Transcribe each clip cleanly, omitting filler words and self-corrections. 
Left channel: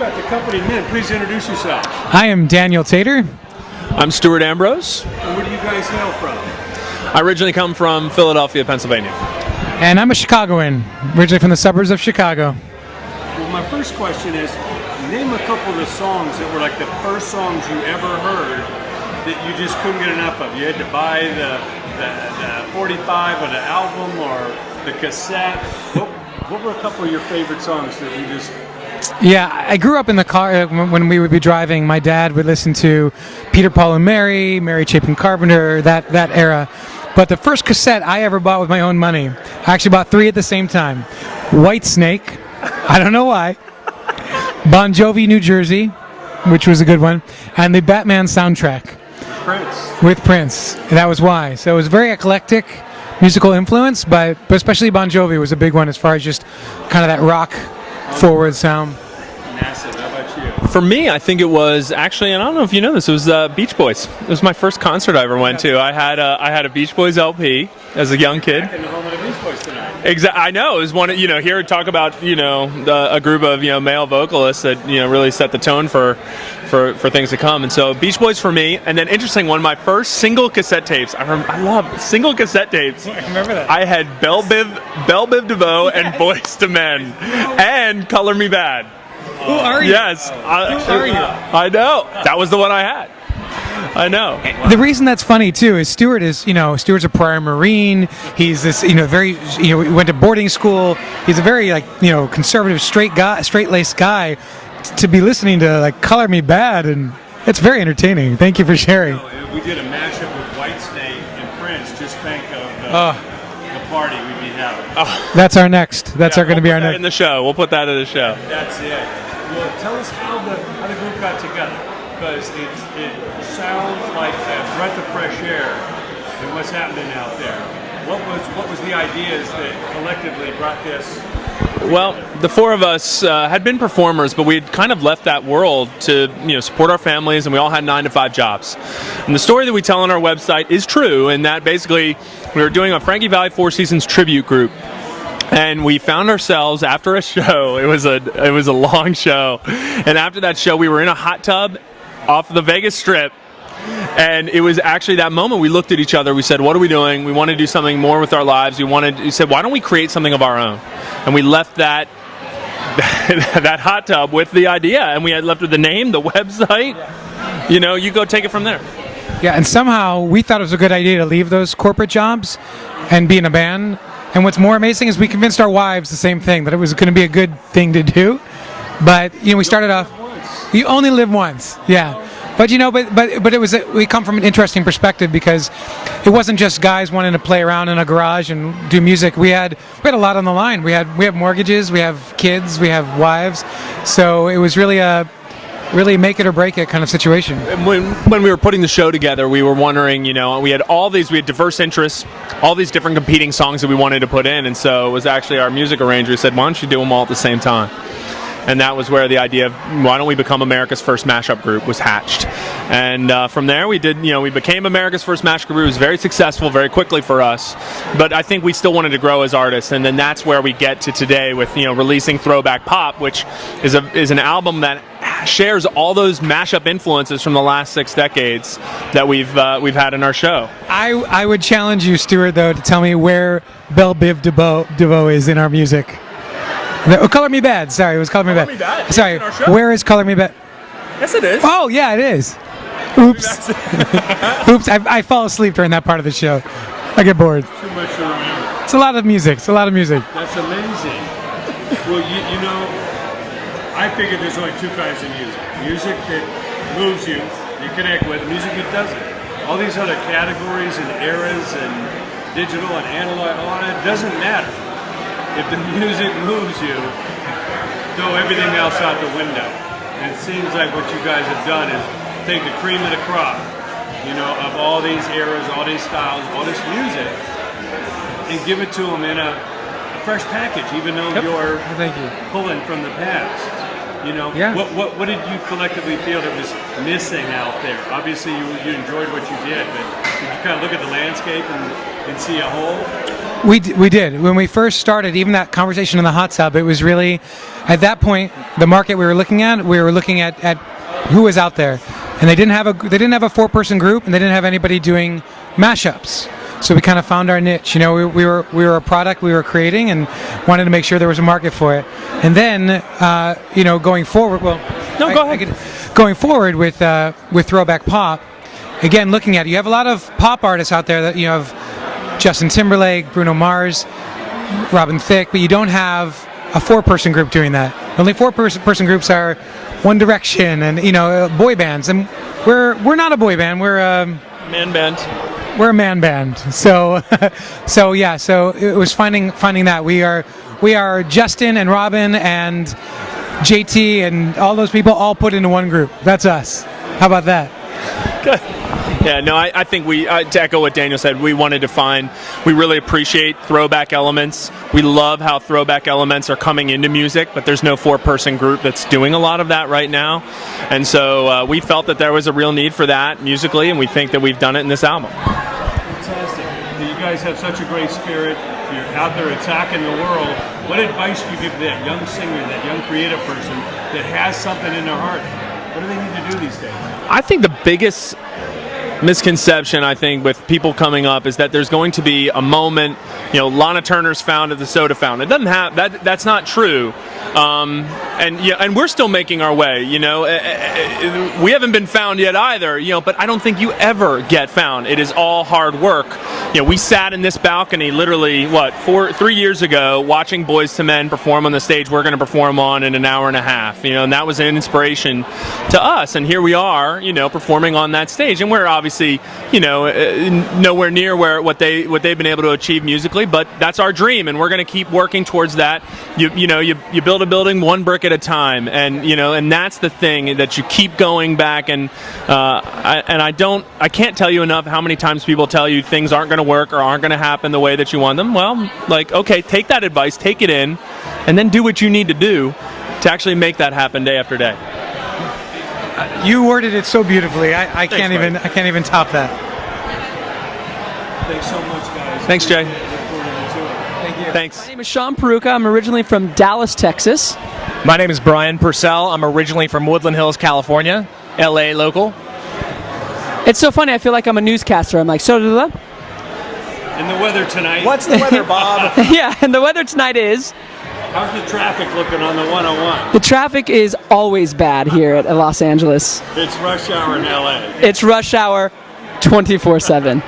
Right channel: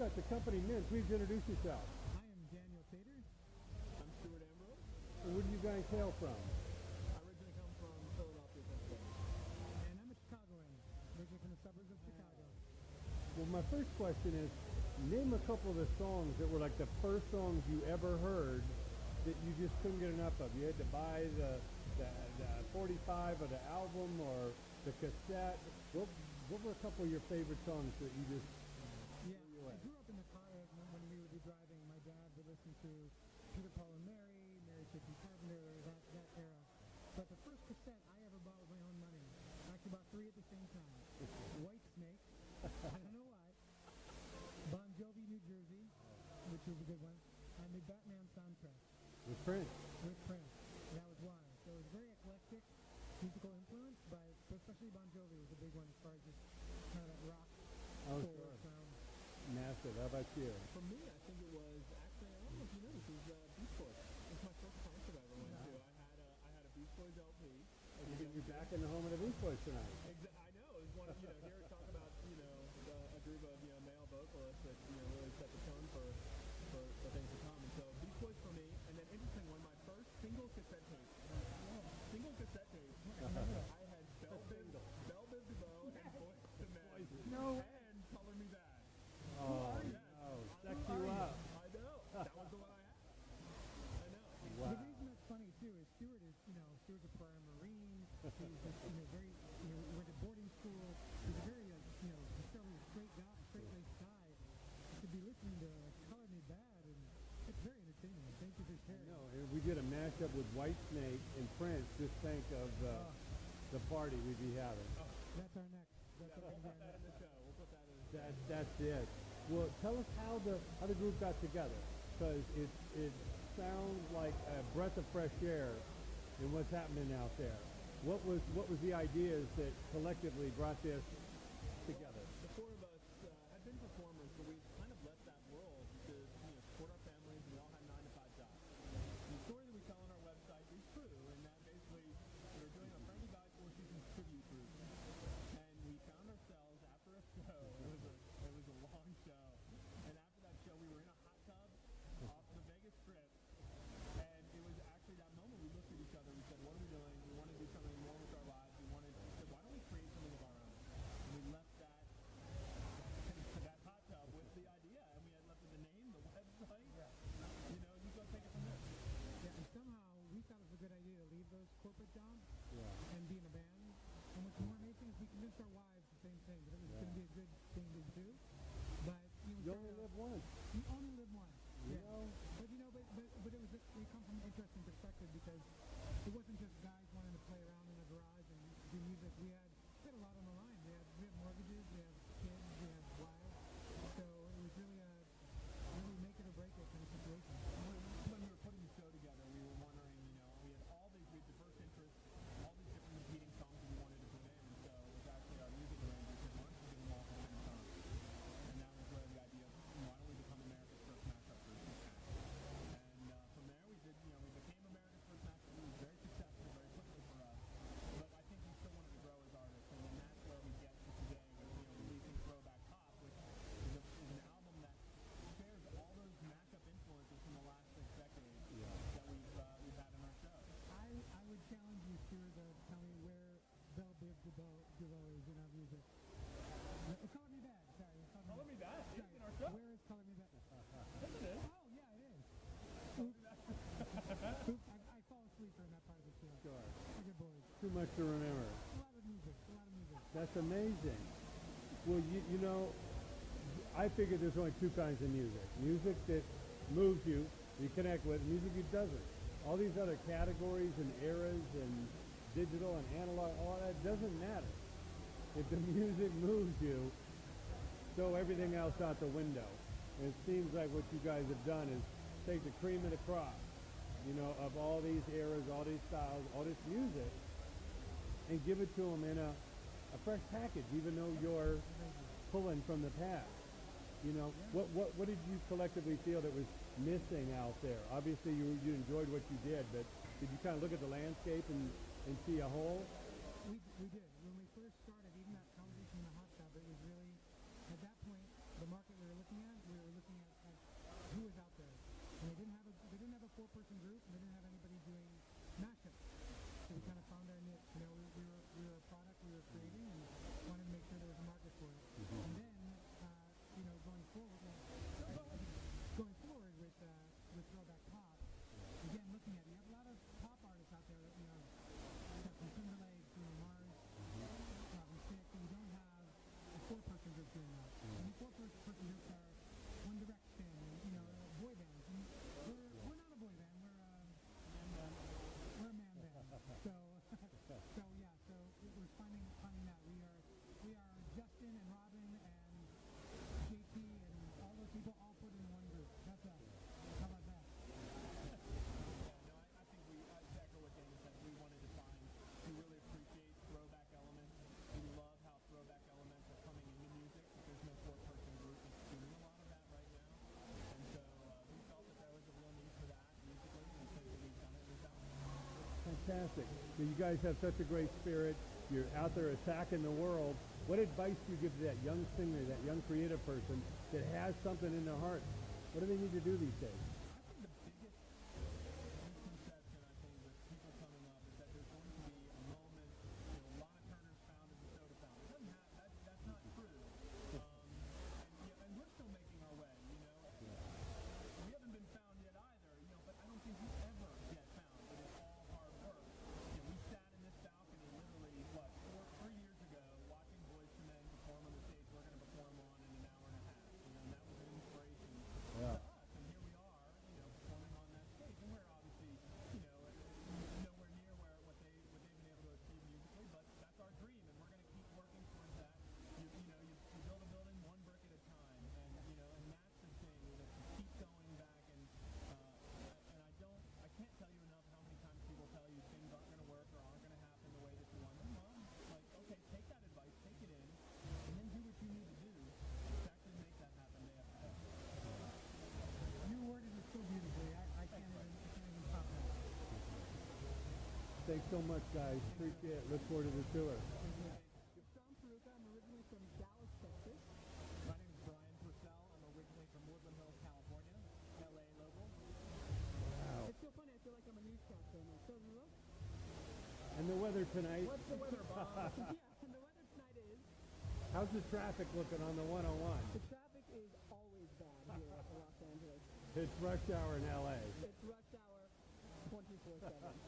got the company men. Please introduce yourself. I am Daniel Tater. I'm Stuart Ambrose. And where do you guys hail from? I originally come from Philadelphia, Pennsylvania. And I'm a Chicagoan, originally from the suburbs of Chicago. Well, my first question is, name a couple of the songs that were like the first songs you ever heard that you just couldn't get enough of. You had to buy the 45 or the album or the cassette. What were a couple of your favorite songs that you just... Yeah, I grew up in the car when we would be driving. My dad would listen to Peter, Paul and Mary Chapin Carpenter, that era. But the first cassette I ever bought with my own money, I actually bought 3 at the same time. Whitesnake, I don't know why. Bon Jovi, New Jersey, which was a good one. And the Batman soundtrack. Prince. With Prince. That was why. So it was very eclectic musical influence, but especially Bon Jovi was a big one as far as just kind of that rock forward sound. Massive. How about you? For me, I think it was actually, and I don't know if you know this, it was Beach Boys. It was my first concert I ever went to. I had a Beach Boys LP as a young kid. Back in the home of the Beach Boys tonight. Exactly. I know. It was one. Here talk about a group of male vocalists that really set the tone for things to come. And so Beach Boys for me. And then interesting one, my first single cassette tapes. I love single cassette tapes. I remember that. I had Belle Biv DeVoe and Boyz II Men and Color Me Bad. Who are you? Yes. Who are you? I know. That was the one I had. I know. The reason that's funny too is Stuart's a prior Marine. He's this, very, he went to boarding school. He's a very conservative, straight-laced guy. To be listening to Color Me Bad, and it's very entertaining. Thank you for sharing. We did a mashup with Whitesnake and Prince. Just think of the party we'd be having. That's our next. That's going to be our next. In the show. We'll put that in the show. That's it. Well, tell us how the group got together, because it sounds like a breath of fresh air in what's happening out there. What was the ideas that collectively brought this? Well, the 4 of us had been performers, but we had kind of left that world to support our families, and we all had 9-to-5 jobs. And the story that we tell on our website is true, in that basically we were doing a Frankie Valli Four Seasons tribute group. And we found ourselves after a show. It was a long show, and after that show, we were in a hot tub off the Vegas Strip. And it was actually that moment we looked at each other. We said, "What are we doing? We want to do something more with our lives. We said, why don't we create something of our own?" And we left that hot tub with the idea, and we had left with the name, the website. You go take it from there. Yeah, and somehow we thought it was a good idea to leave those corporate jobs and be in a band. And what's more amazing is we convinced our wives the same thing, that it was going to be a good thing to do. But we started off. You only live once. Yeah. But but it was we come from an interesting perspective, because it wasn't just guys wanting to play around in a garage and do music. We had a lot on the line. We have mortgages, we have kids, we have wives. So it was really a make it or break it kind of situation. When we were putting the show together, we were wondering, we had diverse interests, all these different competing songs that we wanted to put in, and so it was actually our music arranger who said, "Why don't you do them all at the same time?" And that was where the idea of why don't we become America's first mashup group was hatched. And from there we became America's first mashup group. It was very successful very quickly for us. But I think we still wanted to grow as artists. And then that's where we get to today with releasing Throwback Pop, which is an album that shares all those mashup influences from the last 6 decades that we've had in our show. I would challenge you, Stuart, though, to tell me where Belle Biv DeVoe is in our music. Color Me Bad. Sorry, it was Color Me Bad. Sorry, where is Color Me Bad? Yes, it is. Oh, yeah, it is. Oops. Oops, I fall asleep during that part of the show. I get bored. Too much to remember. It's a lot of music. That's amazing. Well, I figured there's only 2 kinds of music. Music that moves you connect with, music that doesn't. All these other categories and eras and digital and analog, all that doesn't matter. If the music moves you, throw everything else out the window. And it seems like what you guys have done is take the cream of the crop, of all these eras, all these styles, all this music, and give it to them in a fresh package, even though you're pulling from the past. You know, Yeah. what did you collectively feel that was missing out there? Obviously, you enjoyed what you did, but did you kind of look at the landscape and see a whole? We did. When we first started, even that conversation in the hot tub, it was really, at that point, the market we were looking at who was out there, and they didn't have a 4-person group, and they didn't have anybody doing mashups. So we kind of found our niche. You know, we were a product we were creating, and wanted to make sure there was a market for it. And then, you know, going forward, go ahead. Going forward with throwback pop, again, looking at it, you have a lot of pop artists out there that you have Justin Timberlake, Bruno Mars, Robin Thicke, but you don't have a 4-person group doing that. Only 4-person groups are One Direction and, you know, boy bands, and we're not a boy band. We're a Man band. We're a man band. So so it was finding that we are Justin and Robin and JT and all those people all put into one group. That's us. How about that? Good. Yeah, no, I think to echo what Daniel said, we really appreciate throwback elements. We love how throwback elements are coming into music, but there's no 4-person group that's doing a lot of that right now. And so we felt that there was a real need for that musically, and we think that we've done it in this album. Fantastic. You guys have such a great spirit. You're out there attacking the world. What advice do you give that young singer, that young creative person that has something in their heart? What do they need to do these days? I think the biggest misconception, I think, with people coming up is that there's going to be a moment, you know, Lana Turner's found at the soda fountain. It doesn't have that. That's not true. And we're still making our way. You know, we haven't been found yet either. You know, but I don't think you ever get found. It is all hard work. You know, we sat in this balcony literally 3 years ago, watching Boyz II Men perform on the stage we're going to perform on in an hour and a half. You know, and that was an inspiration to us. And here we are, you know, performing on that stage, and we're obviously, you know, nowhere near what they've been able to achieve musically, but that's our dream, and we're going to keep working towards that. You build a building one brick at a time, and you know, and that's the thing, that you keep going back. And I can't tell you enough how many times people tell you things aren't going to work or aren't going to happen the way that you want them. Well, like, okay, take that advice, take it in, and then do what you need to do to actually make that happen day after day. You worded it so beautifully. I Thanks, can't even top that. Thanks so much, guys. Thanks, Jay. Look forward to it. Thank you. Thanks. My name is Sean Peruka. I'm originally from Dallas, Texas. My name is Brian Purcell. I'm originally from Woodland Hills, California, LA local. It's so funny. I feel like I'm a newscaster. I'm like, And the weather tonight. What's the weather, Bob? yeah, and the weather tonight is, How's the traffic looking on the 101? the traffic is always bad here at Los Angeles. It's rush hour in LA. It's rush hour 24/7.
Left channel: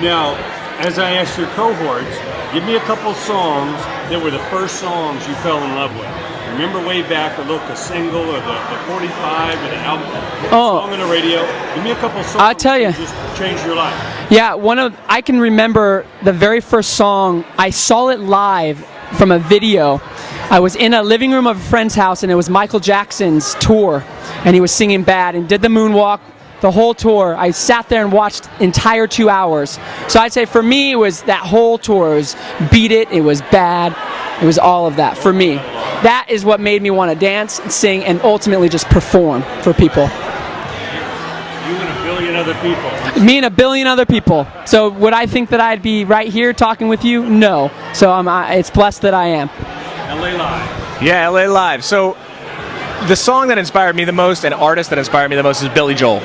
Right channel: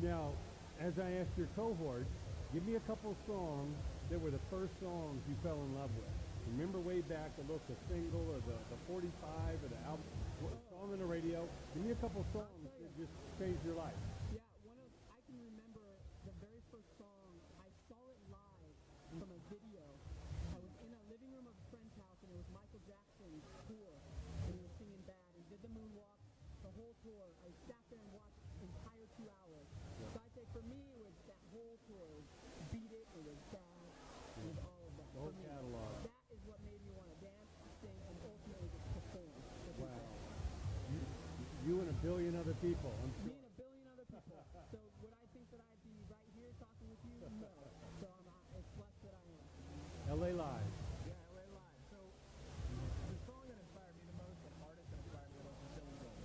Now, as I asked your cohorts, give me a couple songs that were the first songs you fell in love with. Remember way back, a single or the 45 or the album, song on the radio. Give me a couple songs I'll tell you. that just changed your life. Yeah, I can remember the very first song. I saw it live from a video. I was in a living room of a friend's house, and it was Michael Jackson's tour, and he was singing Bad and did the moonwalk, the whole tour. I sat there and watched entire 2 hours. So I'd say for me, it was that whole tour. It was Beat It, it was Bad, it was all of that for me. That is what made me want to dance, sing, and ultimately just perform for people. You and a billion other people. Me and a billion other people. So would I think that I'd be right here talking with you? No. So it's blessed that I am. LA Live. Yeah, LA Live. So the song that inspired me the most, and artist that inspired me the most, is Billy Joel.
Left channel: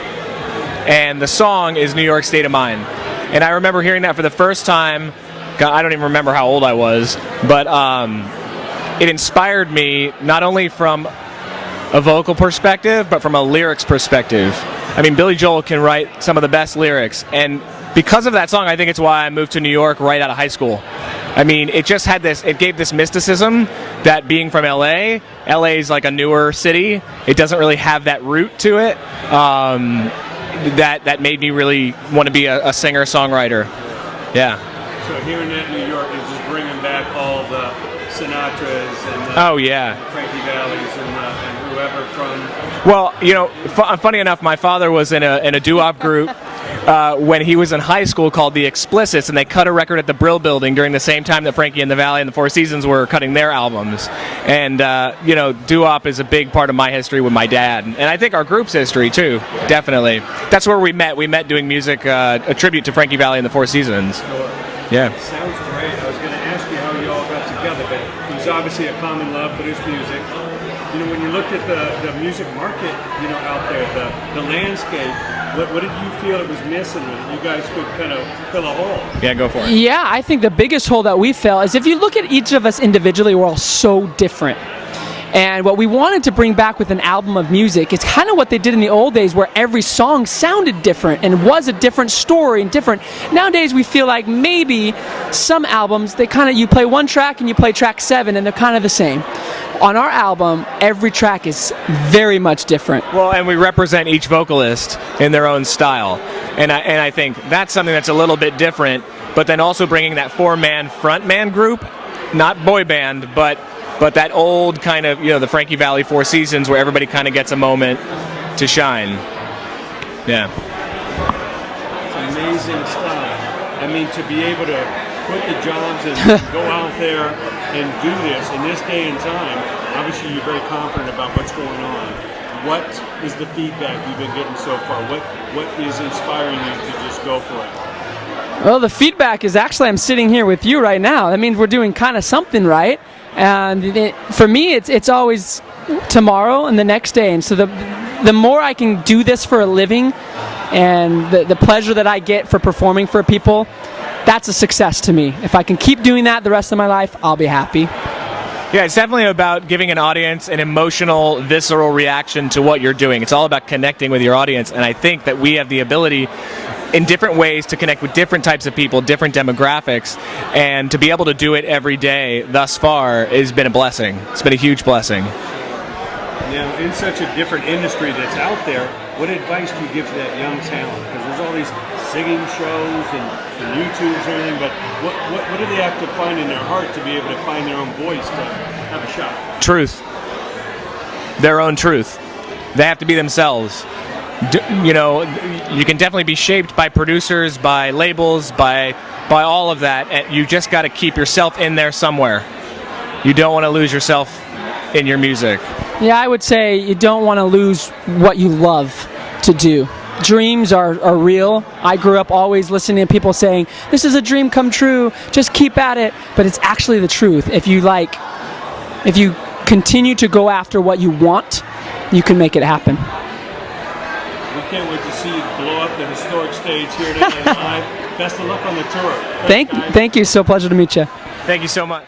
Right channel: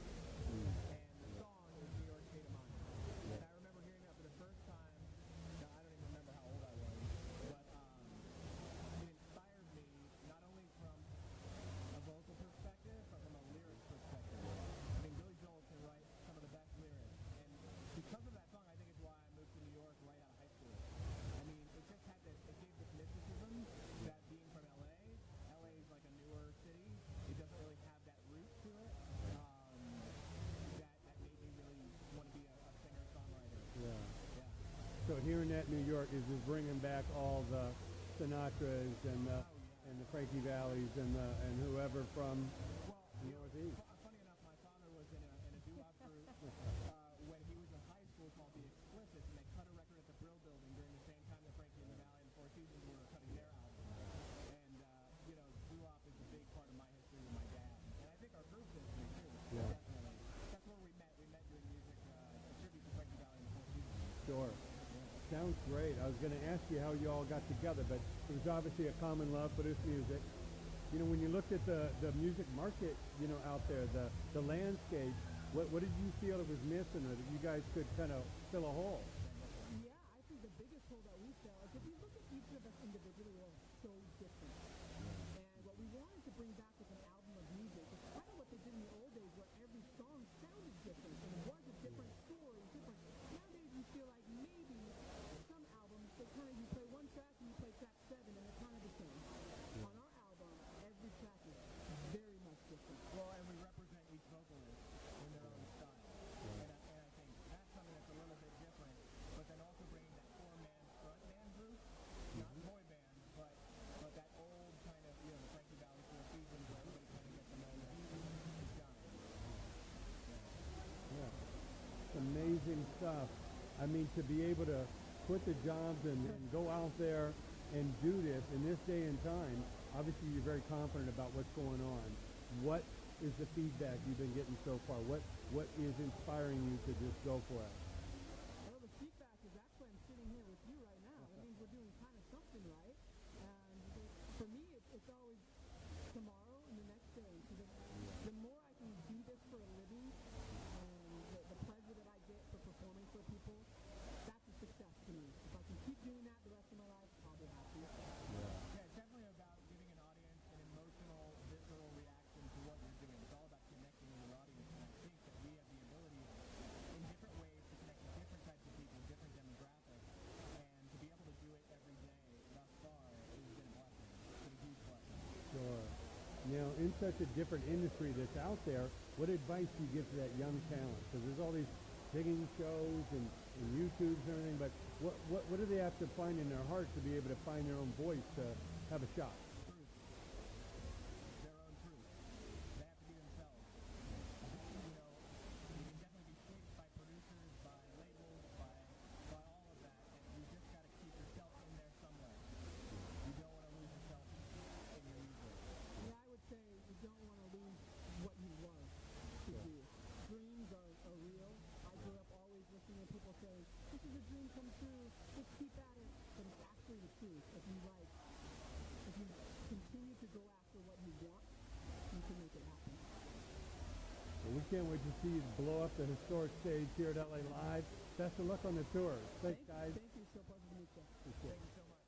And the song is New York State of Mind. And I remember hearing that for the first time. God, I don't even remember how old I was, but it inspired me not only from a vocal perspective, but from a lyrics perspective. I mean, Billy Joel can write some of the best lyrics, and because of that song, I think it's why I moved to New York right out of high school. I mean, it just had this, it gave this mysticism that being from LA is like a newer city. It doesn't really have that root to it. That made me really want to be a singer-songwriter. Yeah. So hearing that New York is just bringing back all the Sinatras and Oh, yeah. Frankie Vallis and whoever from. Well, you know, funny enough, my father was in a doo-wop group when he was in high school called The Explicits, and they cut a record at the Brill Building during the same time that Frankie and the Valley and the Four Seasons were cutting their albums. And, doo-wop is a big part of my history with my dad. And I think our group's history, too, definitely. That's where we met. We met doing music, a tribute to Frankie Valli and the Four Seasons. Yeah. Sounds great. I was going to ask you how you all got together, but it was obviously a common love for this music. When you looked at the music market, out there, the landscape, what did you feel it was missing that you guys could kind of fill a hole? Yeah, go for it. Yeah, I think the biggest hole that we fill is if you look at each of us individually, we're all so different. And what we wanted to bring back with an album of music is kind of what they did in the old days, where every song sounded different and was a different story and different. Nowadays, we feel like maybe some albums, you play one track and you play track 7 and they're kind of the same. On our album, every track is very much different. Well, and we represent each vocalist in their own style. And I think that's something that's a little bit different, but then also bringing that 4-man frontman group, not boy band, but that old kind of, the Frankie Valli Four Seasons where everybody kind of gets a moment to shine. Yeah. It's amazing stuff. I mean, to be able to quit the jobs and go out there and do this in this day and time, obviously you're very confident about what's going on. What is the feedback you've been getting so far? What is inspiring you to just go for it? Well, the feedback is actually I'm sitting here with you right now. That means we're doing kind of something right. And for me, it's always tomorrow and the next day. And so the more I can do this for a living and the pleasure that I get for performing for people, that's a success to me. If I can keep doing that the rest of my life, I'll be happy. Yeah, it's definitely about giving an audience an emotional, visceral reaction to what you're doing. It's all about connecting with your audience. And I think that we have the ability in different ways to connect with different types of people, different demographics, and to be able to do it every day thus far has been a blessing. It's been a huge blessing. Now, in such a different industry that's out there, what advice do you give to that young talent? Because there's all these singing shows and YouTubes and everything, but what do they have to find in their heart to be able to find their own voice to have a shot? Truth. Their own truth. They have to be themselves. You can definitely be shaped by producers, by labels, by all of that, and you just got to keep yourself in there somewhere. You don't want to lose yourself in your music. Yeah, I would say you don't want to lose what you love to do. Dreams are real. I grew up always listening to people saying, this is a dream come true, just keep at it. But it's actually the truth. If you continue to go after what you want, you can make it happen. We can't wait to see you blow up the historic stage here at LA Live. Best of luck on the tour. Thank you. So pleasure to meet you. Thank you so much.